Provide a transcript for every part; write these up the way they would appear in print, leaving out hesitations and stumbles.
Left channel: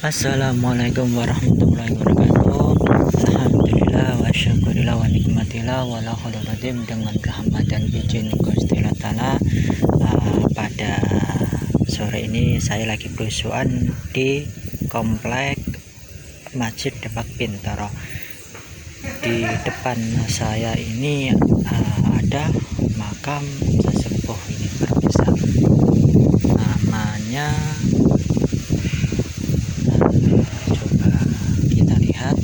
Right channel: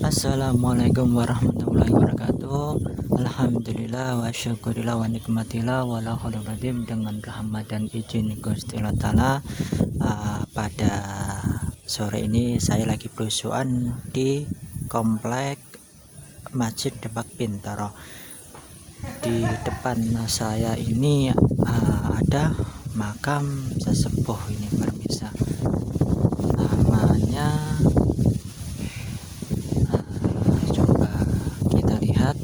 Assalamualaikum warahmatullahi wabarakatuh. Alhamdulillah wa syukurillah wa nikmatillah wa la khalaqadim dengan rahmat dan izin Gusti Allah Ta'ala. Pada sore ini saya lagi berusuhan di komplek Masjid Demak Bintaro. Di depan saya ini ada makam sesepuh ini berbisa. Namanya coba kita lihat,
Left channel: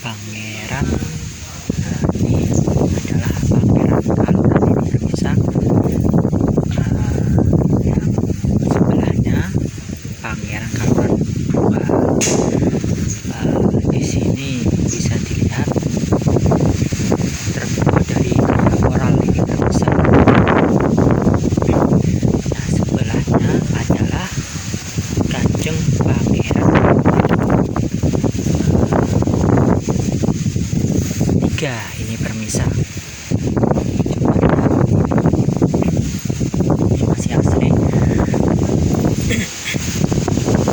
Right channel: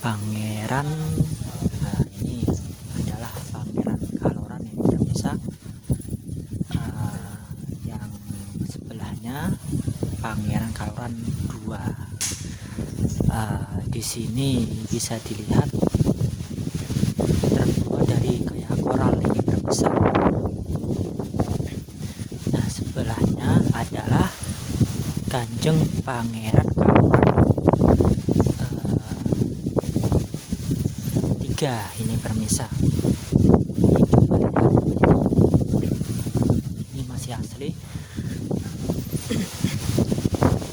Pangeran. Ini adalah Pangeran Kalman ini berbisa. Yang sebelahnya Pangeran Kalman II. Di sini bisa dilihat terbuat dari koral ini berbisa. Nah, sebelahnya adalah Kanjeng Pangeran III ini permisa. Ini masih asli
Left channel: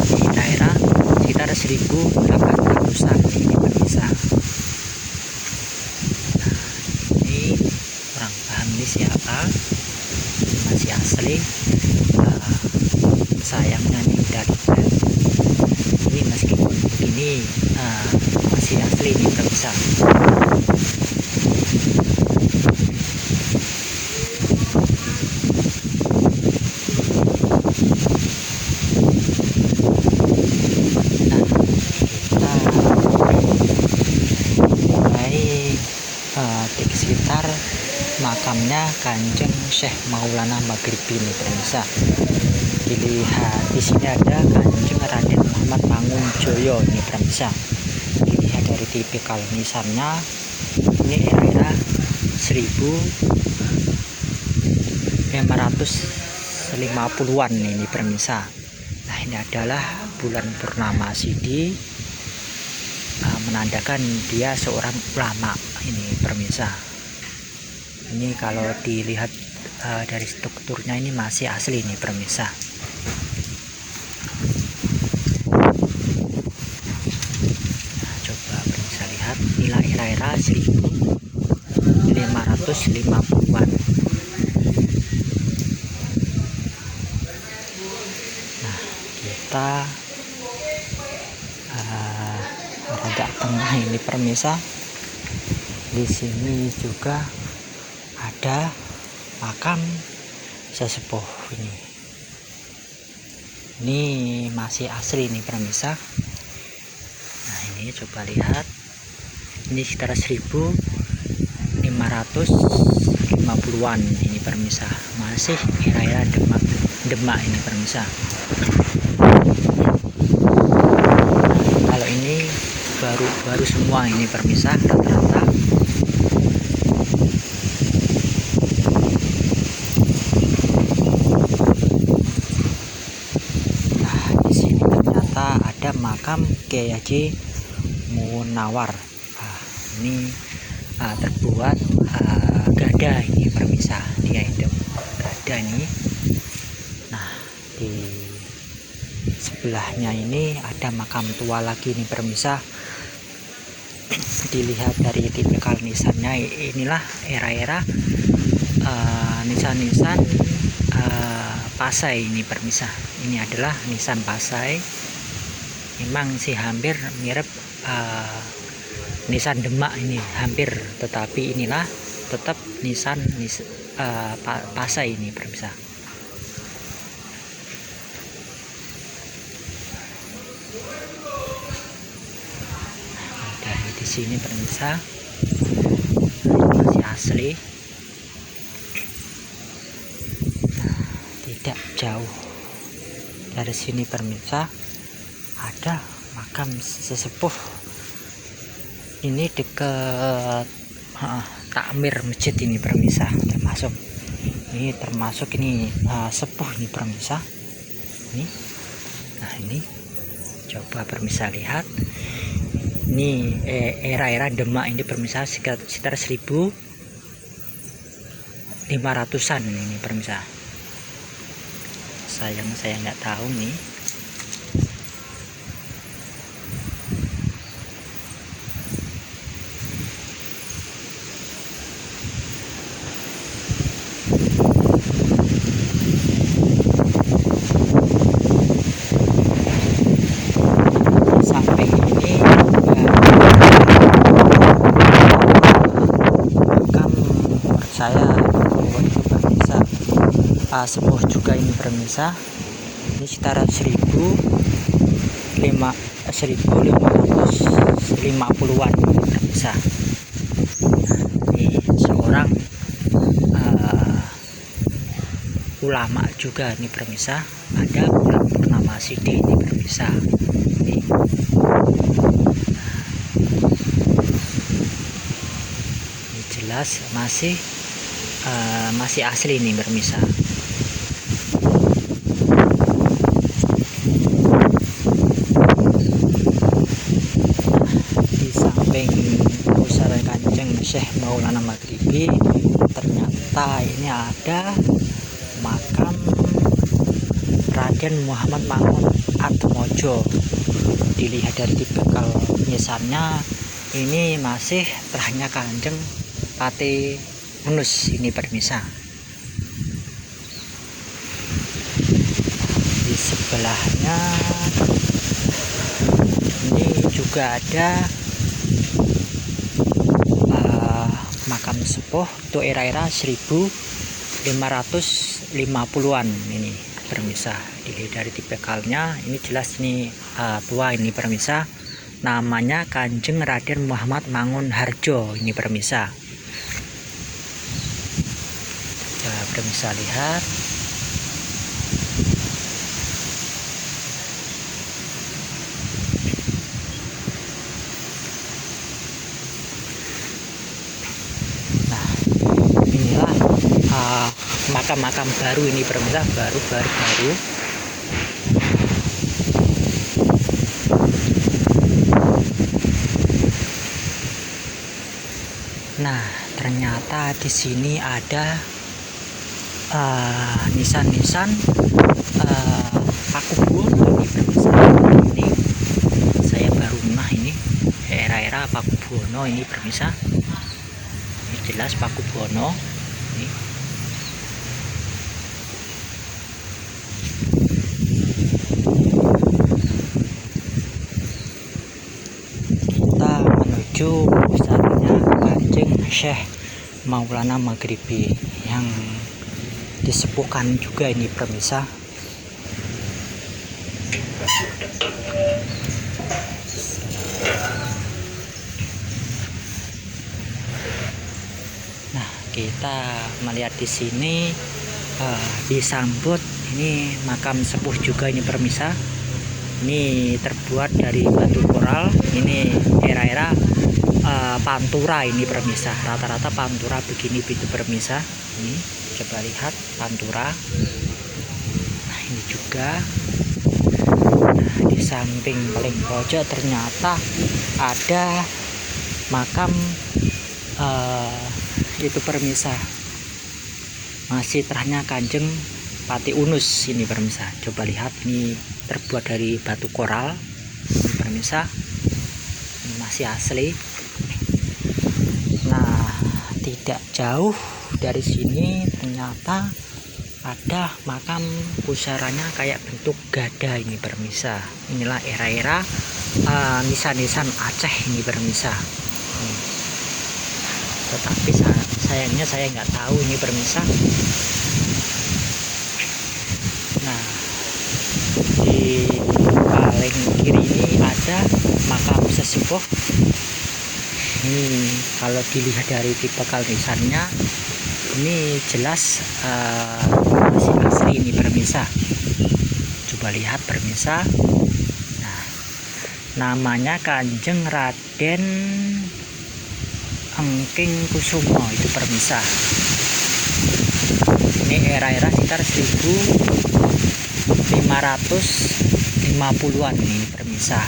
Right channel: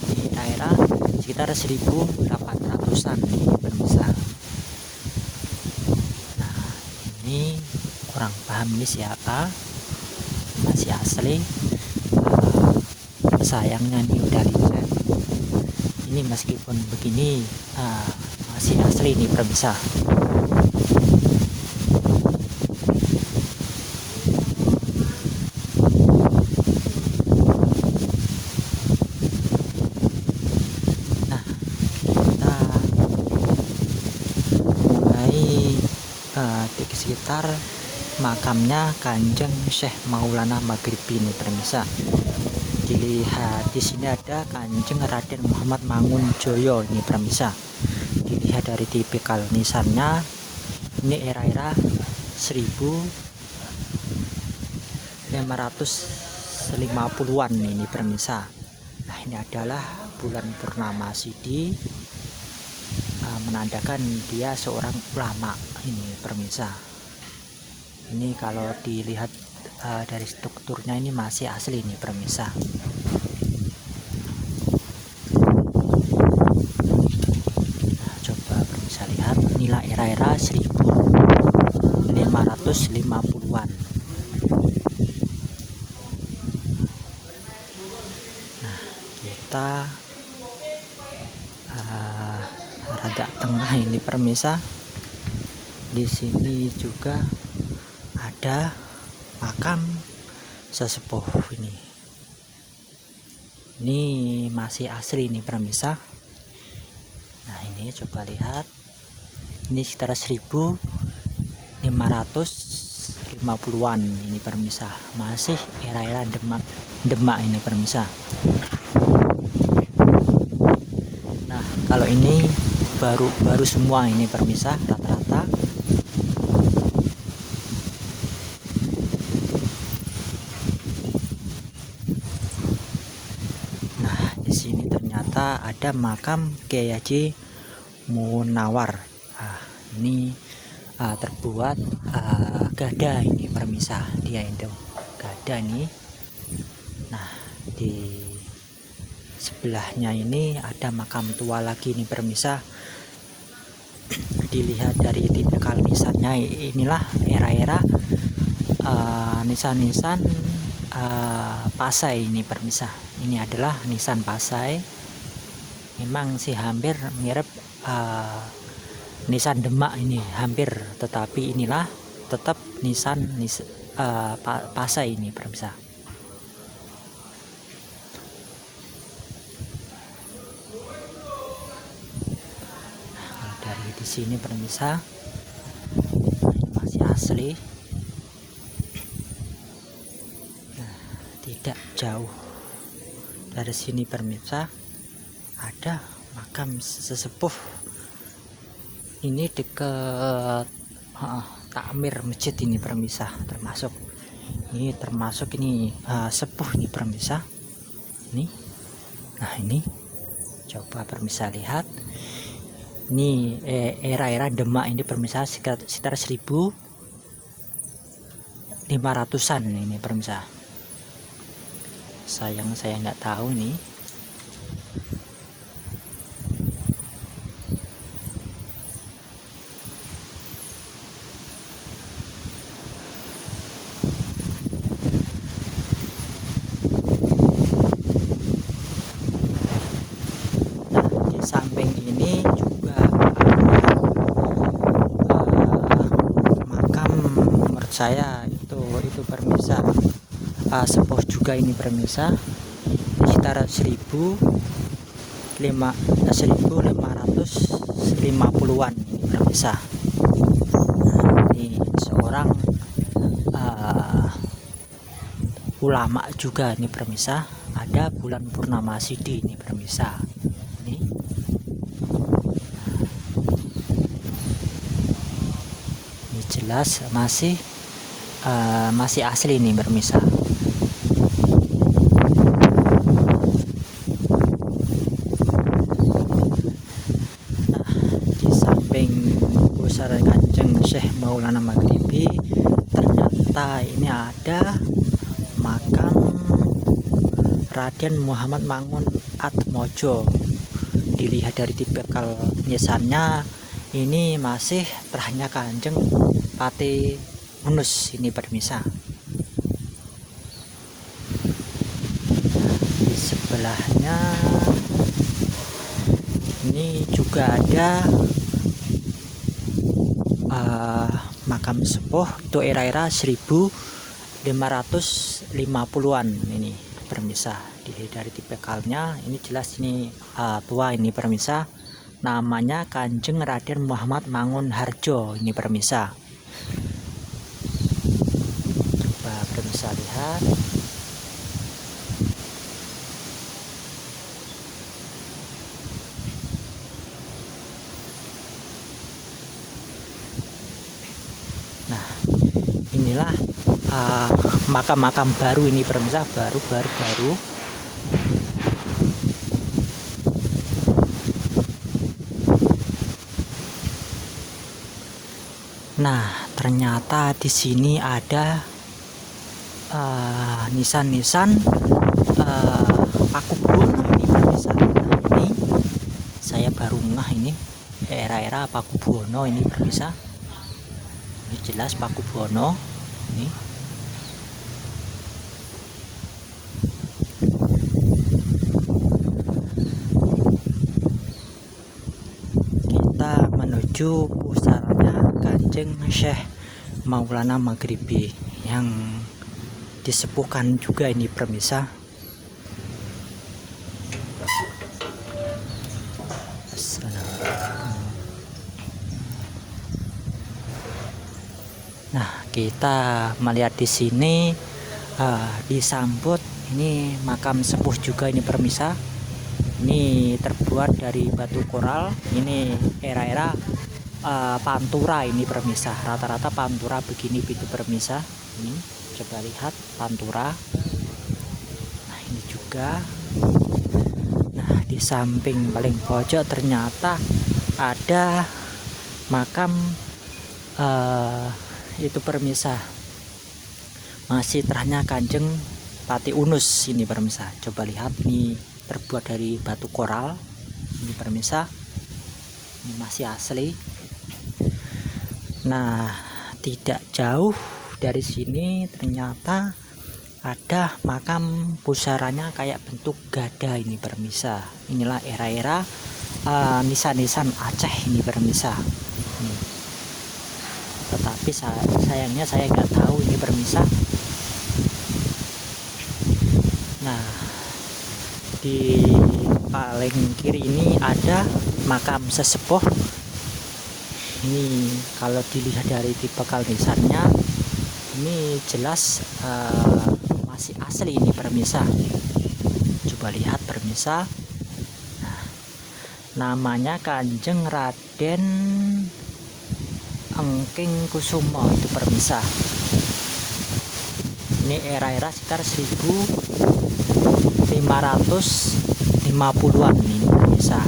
di daerah sekitar 1800-an ini permisa. Nah, ini kurang paham ini siapa, masih asli. Sayangnya nih udah lihat ini meskipun begini masih asli ini permisa. Di sekitar makamnya Kanjeng Syekh Maulana Maghribi ini permisa. Dilihat di sini ada Kanjeng Raden Muhammad Mangunjoyo ini permisa. Dilihat dari tipikal nisannya, ini era-era 1550-an ini permisa. Nah, ini adalah bulan purnama Sidi, menandakan dia seorang ulama ini permisa. Ini kalau dilihat dari strukturnya ini masih asli ini permisa. Nah, coba permisa lihat, inilah era-era 1550-an. Nah, kita agak tengah ini permisa. Di sini juga ada makam sesepuh ini. Ini masih asli ini permisa. Nah, ini coba lihat. Ini sekitar 1550-an ini permisa. Masih era-era Demak ini permisa. Nah, kalau ini baru semua ini permisa rata-rata. Nah, di sini ternyata ada makam Kyai Haji Munawar. Ini terbuat gada ini permisa, dia hidup gada ini. Nah, di sebelahnya ini ada makam tua lagi ini permisa. Dilihat dari tipikal nisannya, inilah era-era nisan-nisan Pasai ini permisa. Ini adalah nisan Pasai. Memang sih hampir mirip nisan Demak ini, hampir, tetapi inilah tetap nisan Pasai ini permisa. Di sini permisa, masih asli. Nah, tidak jauh dari sini permisa ada makam sesepuh ini dekat takmir masjid ini permisa, termasuk ini sepuh ini permisa ini. Nah, ini coba permisa lihat. Ini era-era Demak ini permisa, sekitar 1500-an ini permisa. sayang saya nggak tahu nih. Samping ini makam menurut saya ini pemirsa sepuh juga ini pemirsa, sekitar 1550-an pemirsa. Ini seorang ulama juga ini pemirsa, ada bulan purnama Sidi ini pemirsa. Ini jelas masih asli nih pemirsa. Di samping pusara Kanjeng Syekh Maulana Maghribi, ternyata ini ada makam Raden Muhammad Mangun Atmojo. Dilihat dari tipikal nisannya, ini masih terahnya Kanjeng Pati Unus ini pemirsa. Di sebelahnya ini juga ada makam sepuh untuk era-era 1550-an ini pemirsa. Dilihat dari tipikalnya ini jelas ini tua ini pemirsa. Namanya Kanjeng Raden Muhammad Mangun Harjo ini pemirsa. Coba pemirsa lihat. Nah, inilah makam-makam baru ini pemirsa, baru. Nah, ternyata di sini ada nisan-nisan Pakubuwono ini pemirsa. Ini saya baru ngeh ini era-era Pakubuwono ini pemirsa. Ini jelas Pakubuwono ini. Kita menuju pusatnya Kanjeng Syekh Maulana Maghribi yang disepuhkan juga ini pemirsa. Nah, kita melihat di sini disambut ini makam sepuh juga ini pemirsa. Ini terbuat dari batu koral. Ini era-era Pantura ini pemirsa. Rata-rata Pantura begini itu pemirsa. Ini coba lihat Pantura. Nah, ini juga. Nah, di samping paling pojok ternyata ada makam itu pemirsa. Masih terahnya Kanjeng Pati Unus ini pemirsa. Coba lihat, ini terbuat dari batu koral ini pemirsa. Ini masih asli. Nah, tidak jauh dari sini ternyata ada makam pusaranya kayak bentuk gada ini pemirsa. Inilah era-era nisan-nisan Aceh ini pemirsa. Tetapi sayangnya saya nggak tahu ini pemirsa. Nah, di paling kiri ini ada makam sesepuh. Ini kalau dilihat dari tipe nisannya, ini jelas masih asli ini pemirsa. Coba lihat pemirsa. Nah, namanya Kanjeng Raden Engking Kusumo itu pemirsa. Ini era-era sekitar 1550-an ini pemirsa.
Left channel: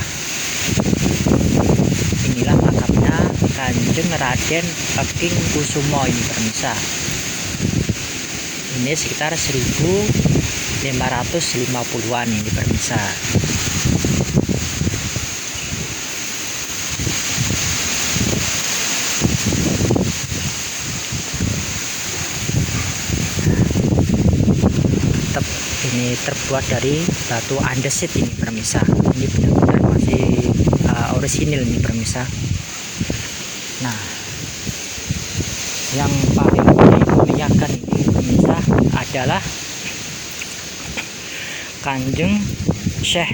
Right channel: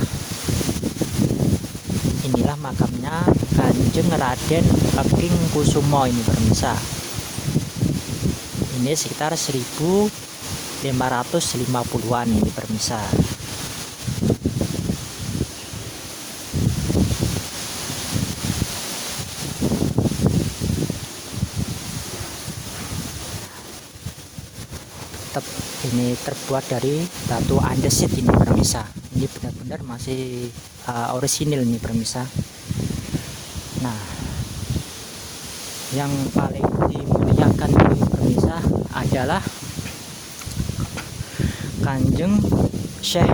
Inilah makamnya Kanjeng Raden Engking Kusumo ini pemirsa. Ini sekitar 1550 550-an ini pemirsa. Ini terbuat dari batu andesit ini pemirsa. Ini benar-benar masih orisinil nih pemirsa. Nah, yang paling dimuliakan pemirsa adalah Kanjeng Syekh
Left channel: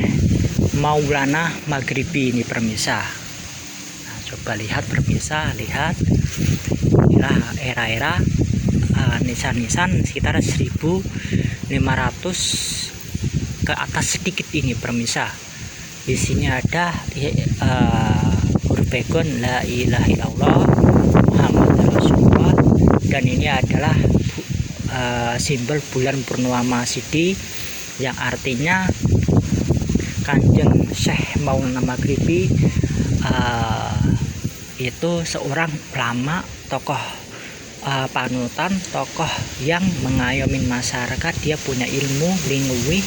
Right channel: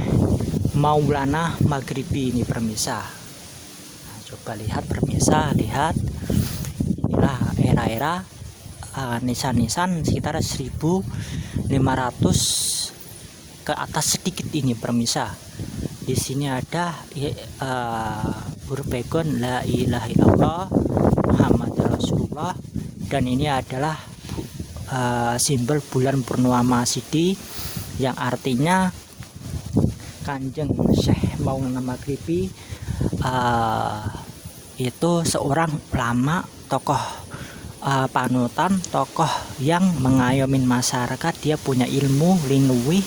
Maulana Maghribi ini pemirsa. Nah, coba lihat pemirsa, lihat inilah era-era nisan-nisan sekitar 1500 ke atas sedikit ini pemirsa. Di sini ada urbegon la ilaha illallah Muhammad Rasulullah, dan ini adalah simbol bulan purnama Sidi yang artinya Kanjeng Syekh Maulana Maghribi itu seorang ulama, tokoh panutan, tokoh yang mengayomi masyarakat. Dia punya ilmu linguwi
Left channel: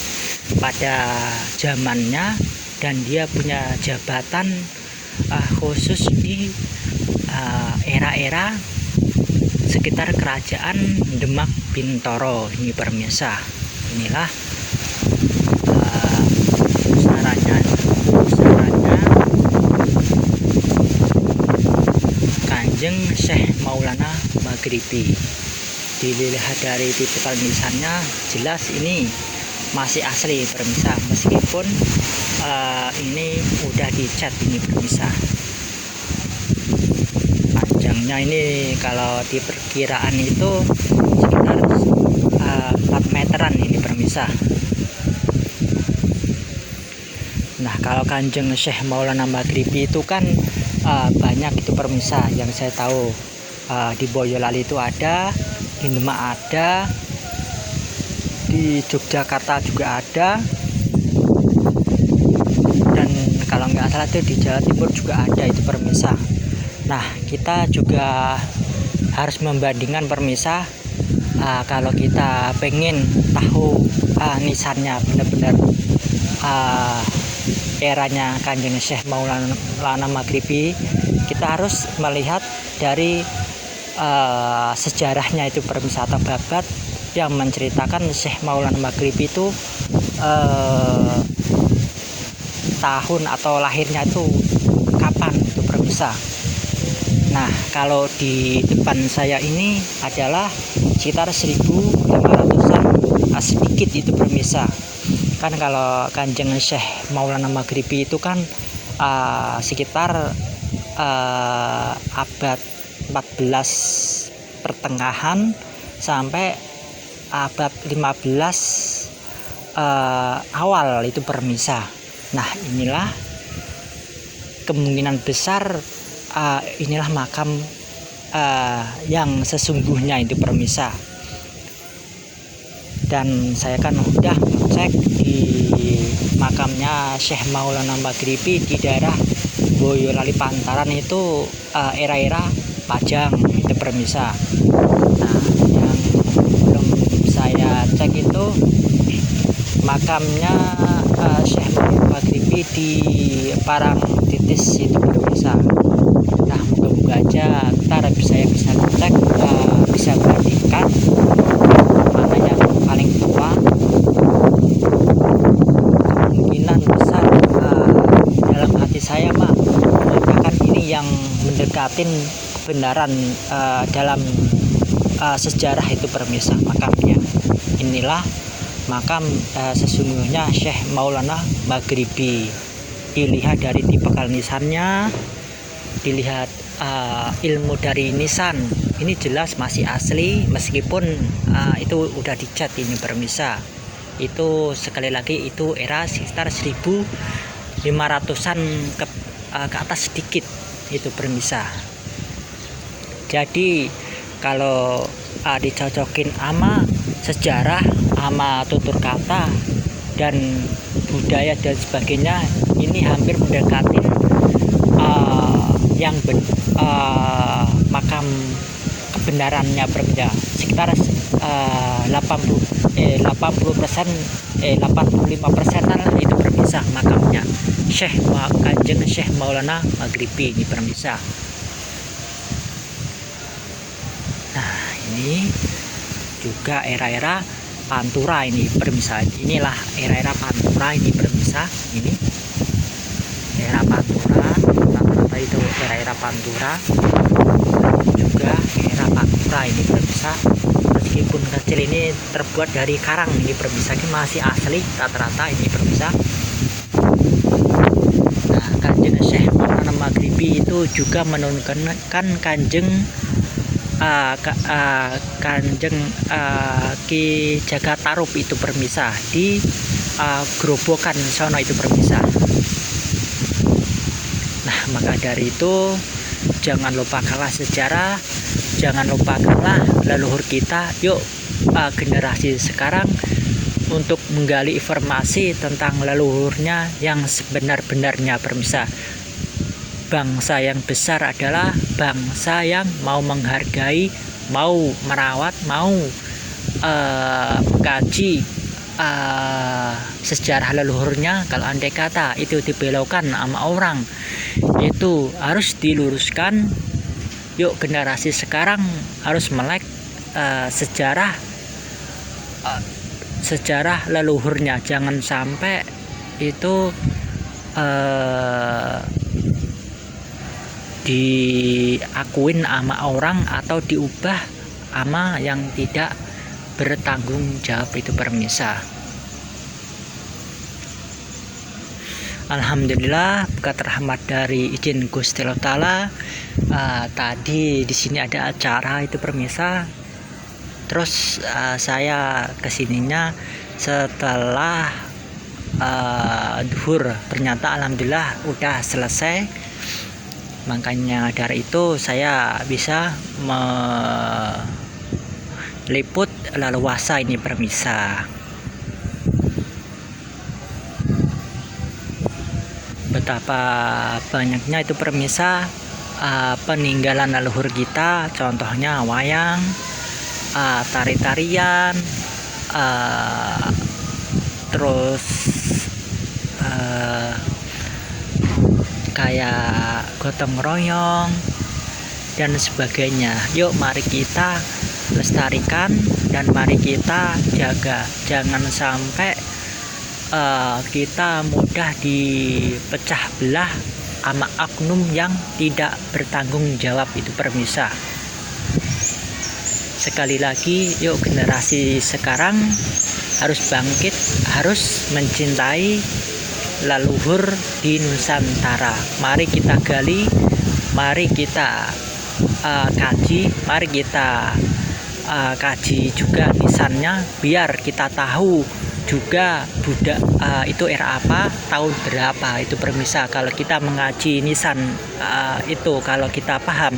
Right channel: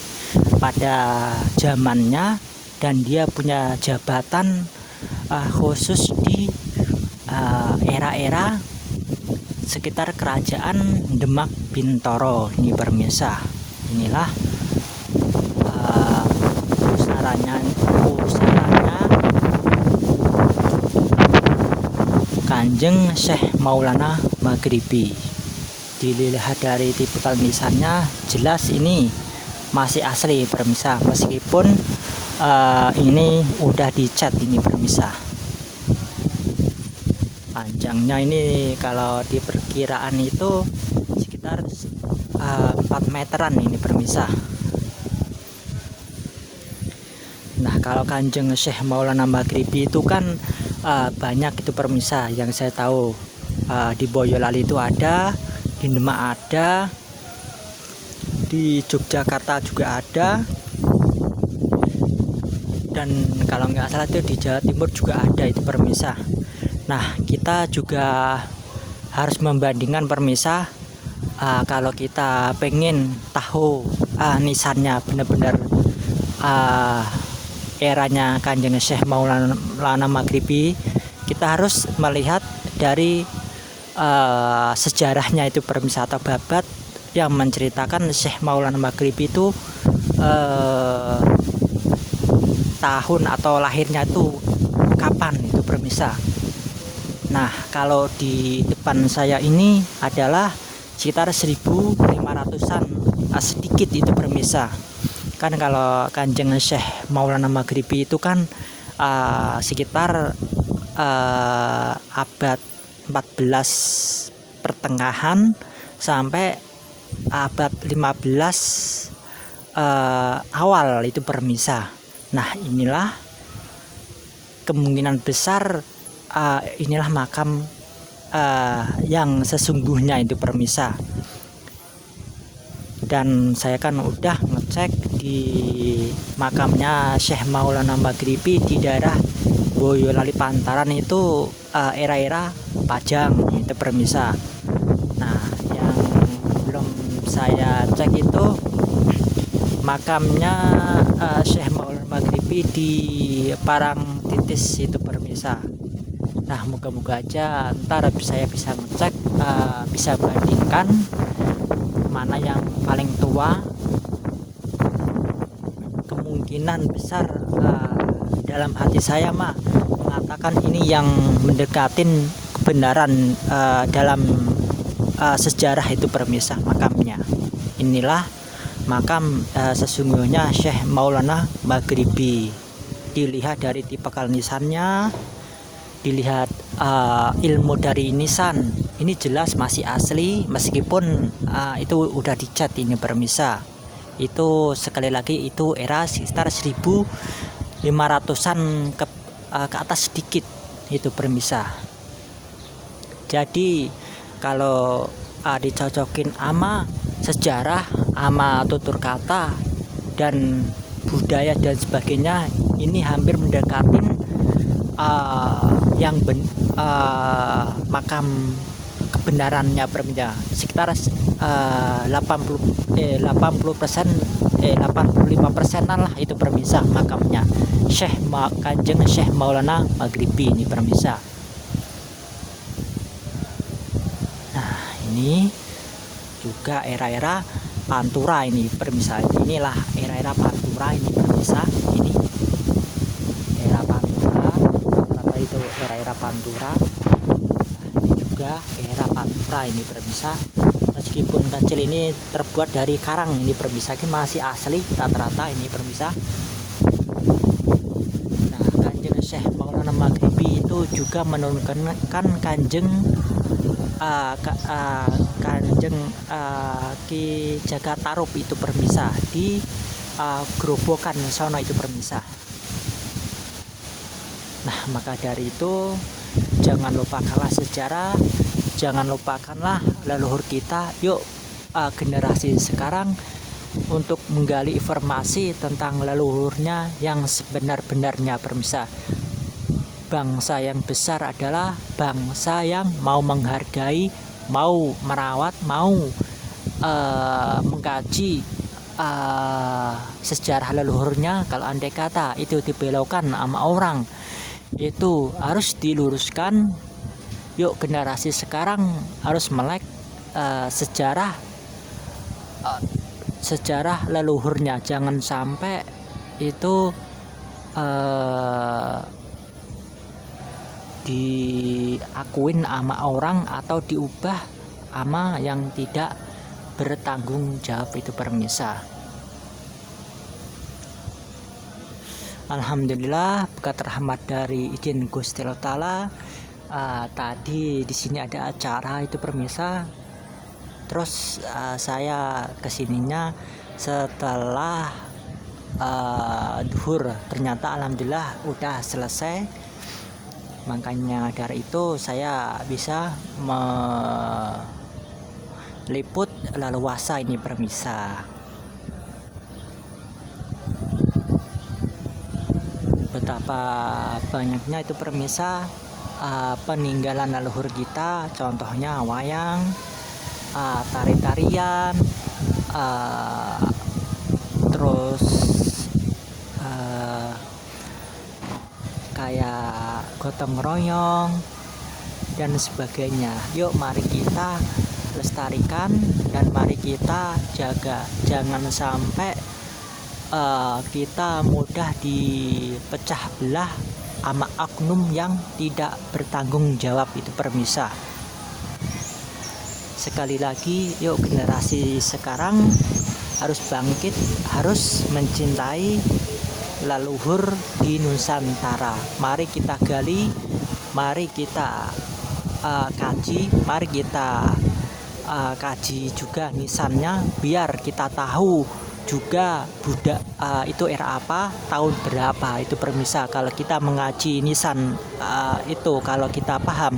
pada zamannya, dan dia punya jabatan khusus di era-era sekitar kerajaan Demak Bintoro ini pemirsa. Inilah pusaranya Kanjeng Syekh Maulana Maghribi. Dilihat dari tipikal nisannya, jelas ini masih asli pemirsa, meskipun ini udah dicat ini pemirsa. Panjangnya ini kalau di perkiraan itu sekitar 4 meteran ini pemirsa. Nah, kalau Kanjeng Syekh Maulana Maghribi itu kan banyak itu pemirsa yang saya tahu. Di Boyolali itu ada, di Demak ada, di Yogyakarta juga ada, dan kalau nggak salah itu di Jawa Timur juga ada itu pemirsa. Nah, kita juga harus membandingkan pemirsa. Kalau kita pengen tahu nisannya benar-benar eranya Kanjeng Syekh Maulana Maghribi, kita harus melihat dari sejarahnya itu pemirsa, atau babat yang menceritakan Syekh Maulana Maghribi itu tahun atau lahirnya itu kapan itu pemirsa. Nah, kalau di depan saya ini adalah sekitar 1500-an sedikit itu pemirsa. Kan kalau Kanjeng Syekh Maulana Maghribi itu kan sekitar abad 14 pertengahan sampai abad 15 awal itu pemirsa. Nah, inilah kemungkinan besar inilah makam yang sesungguhnya itu pemirsa. Dan saya kan udah ngecek di makamnya Syekh Maulana Maghribi di daerah Boyolali Pantaran itu era-era Pajang itu pemirsa. Nah, yang belum saya cek itu makamnya Syekh Maulana Maghribi di Parangtritis itu pemirsa. Nah, moga-moga aja ntar saya bisa cek, bisa bandingkan mana yang paling tua. Kemungkinan besar dalam hati saya mengatakan ini yang mendekatin kebenaran dalam sejarah itu pemirsa makamnya. Inilah makam sesungguhnya Syekh Maulana Maghribi. Dilihat dari tipe nisannya, dilihat ilmu dari nisan, ini jelas masih asli, meskipun itu udah dicat ini pemirsa. Itu sekali lagi itu era sekitar 1500-an ke atas sedikit itu pemirsa. Jadi kalau dicocokin ama sejarah, ama tutur kata dan budaya dan sebagainya, ini hampir mendekatin yang makam kebenarannya berbeda sekitar 85% lah itu permisah makamnya Kanjeng Syekh Maulana Maghribi ini permisah. Nah ini juga era-era Pantura ini permisah. Inilah era-era Pantura ini permisah. Ini era Pantura itu era-era Pantura juga era Pantura ini permisah. Meskipun kecil ini terbuat dari karang ini permisah, ini masih asli rata-rata ini permisah. Nah Kanjeng Syekh Maulana Maghribi itu juga menurunkan Kanjeng Ki Jaga Tarup itu permisah di Grobogan sono itu permisah. Nah maka dari itu jangan lupakanlah sejarah, jangan lupakanlah leluhur kita. Yuk generasi sekarang untuk menggali informasi tentang leluhurnya yang sebenar-benarnya permisah. Bangsa yang besar adalah bangsa yang mau menghargai, mau merawat, mau mengkaji sejarah leluhurnya. Kalau andai kata itu dibelokkan sama orang, itu harus diluruskan. Yuk generasi sekarang harus melek sejarah leluhurnya. Jangan sampai itu diakuin sama orang atau diubah sama yang tidak bertanggung jawab itu permisah. Alhamdulillah berkat rahmat dari izin Gusti Allah Ta'ala. Tadi di sini ada acara itu permisah. Terus saya kesininya setelah duhur. Ternyata alhamdulillah udah selesai. Makanya dari itu saya bisa meliput leluasa ini permisah. Betapa banyaknya itu permisah peninggalan leluhur kita, contohnya wayang, tari-tarian, terus kayak gotong royong dan sebagainya. Yuk mari kita lestarikan dan mari kita jaga, jangan sampai kita mudah dipecah belah sama oknum yang tidak bertanggung jawab itu permisah. Sekali lagi, yuk generasi sekarang harus bangkit, harus mencintai leluhur di Nusantara. Mari kita gali, mari kita kaji, mari kita kaji juga nisannya, biar kita tahu juga itu era apa, tahun berapa itu permisah. Kalau kita mengaji nisan itu, kalau kita paham,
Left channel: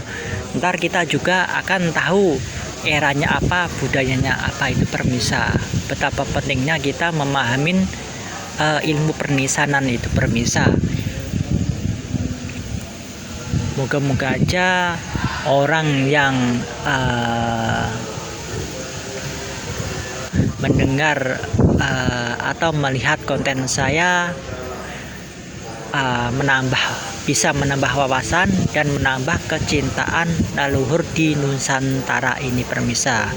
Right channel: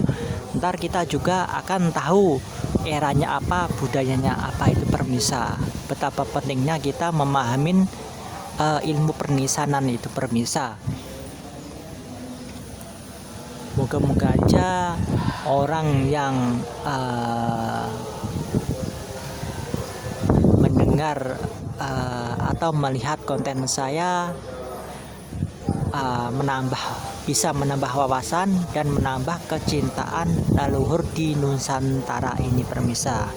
ntar kita juga akan tahu eranya apa, budayanya apa itu permisah. Betapa pentingnya kita memahamin ilmu pernisanan itu permisah. Moga-moga aja orang yang mendengar atau melihat konten saya bisa menambah wawasan dan menambah kecintaan leluhur di Nusantara ini permisah.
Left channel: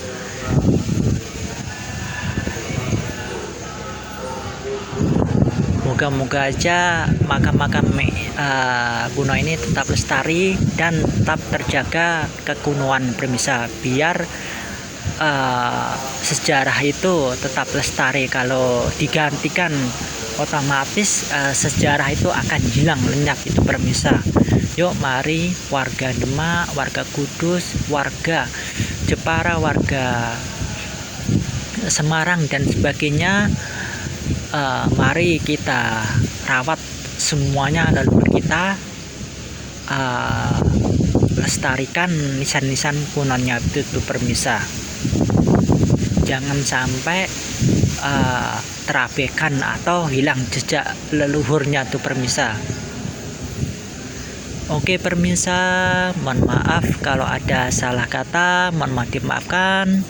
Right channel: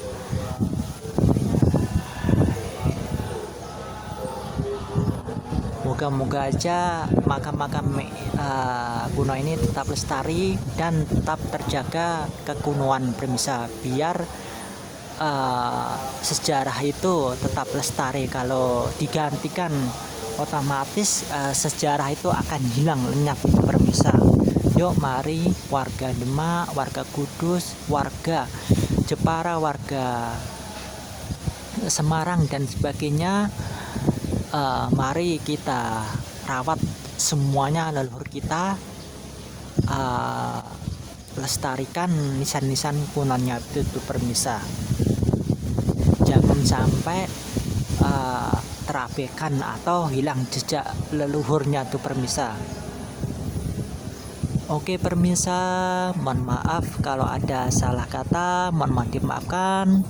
Moga-moga aja makam-makam kuno ini tetap lestari dan tetap terjaga kekunuan permisah, biar sejarah itu tetap lestari. Kalau digantikan otomatis sejarah itu akan hilang lenyap itu permisah. Yuk mari warga Demak, warga Kudus, warga Jepara, warga Semarang dan sebagainya, mari kita rawat semuanya leluhur kita, lestarikan nisan-nisan kunonya itu permisah. Jangan sampai terabaikan atau hilang jejak leluhurnya itu permisah. Oke pemirsa, mohon maaf kalau ada salah kata, mohon maaf dimaafkan.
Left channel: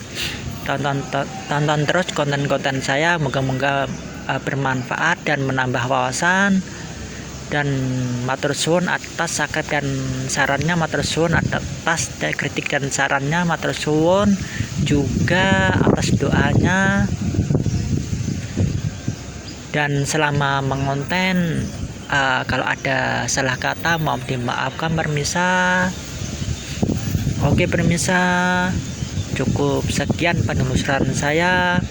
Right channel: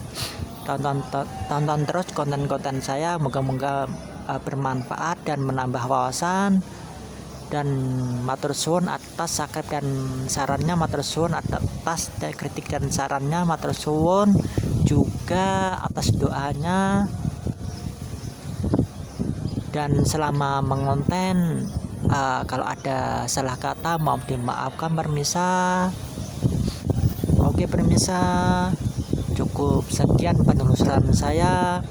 Tonton terus konten-konten saya, moga-moga bermanfaat dan menambah wawasan. Dan matur suwun atas saket dan sarannya, matur suwun atas kritik dan sarannya, matur suwun juga atas doanya. Dan selama mengonten, kalau ada salah kata mohon dimaafkan pemirsa. Oke pemirsa, cukup sekian penelusuran saya.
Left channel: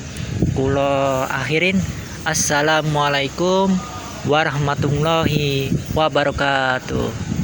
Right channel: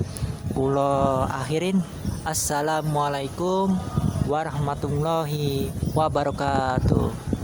Kulo akhirin. Assalamualaikum warahmatullahi wabarakatuh.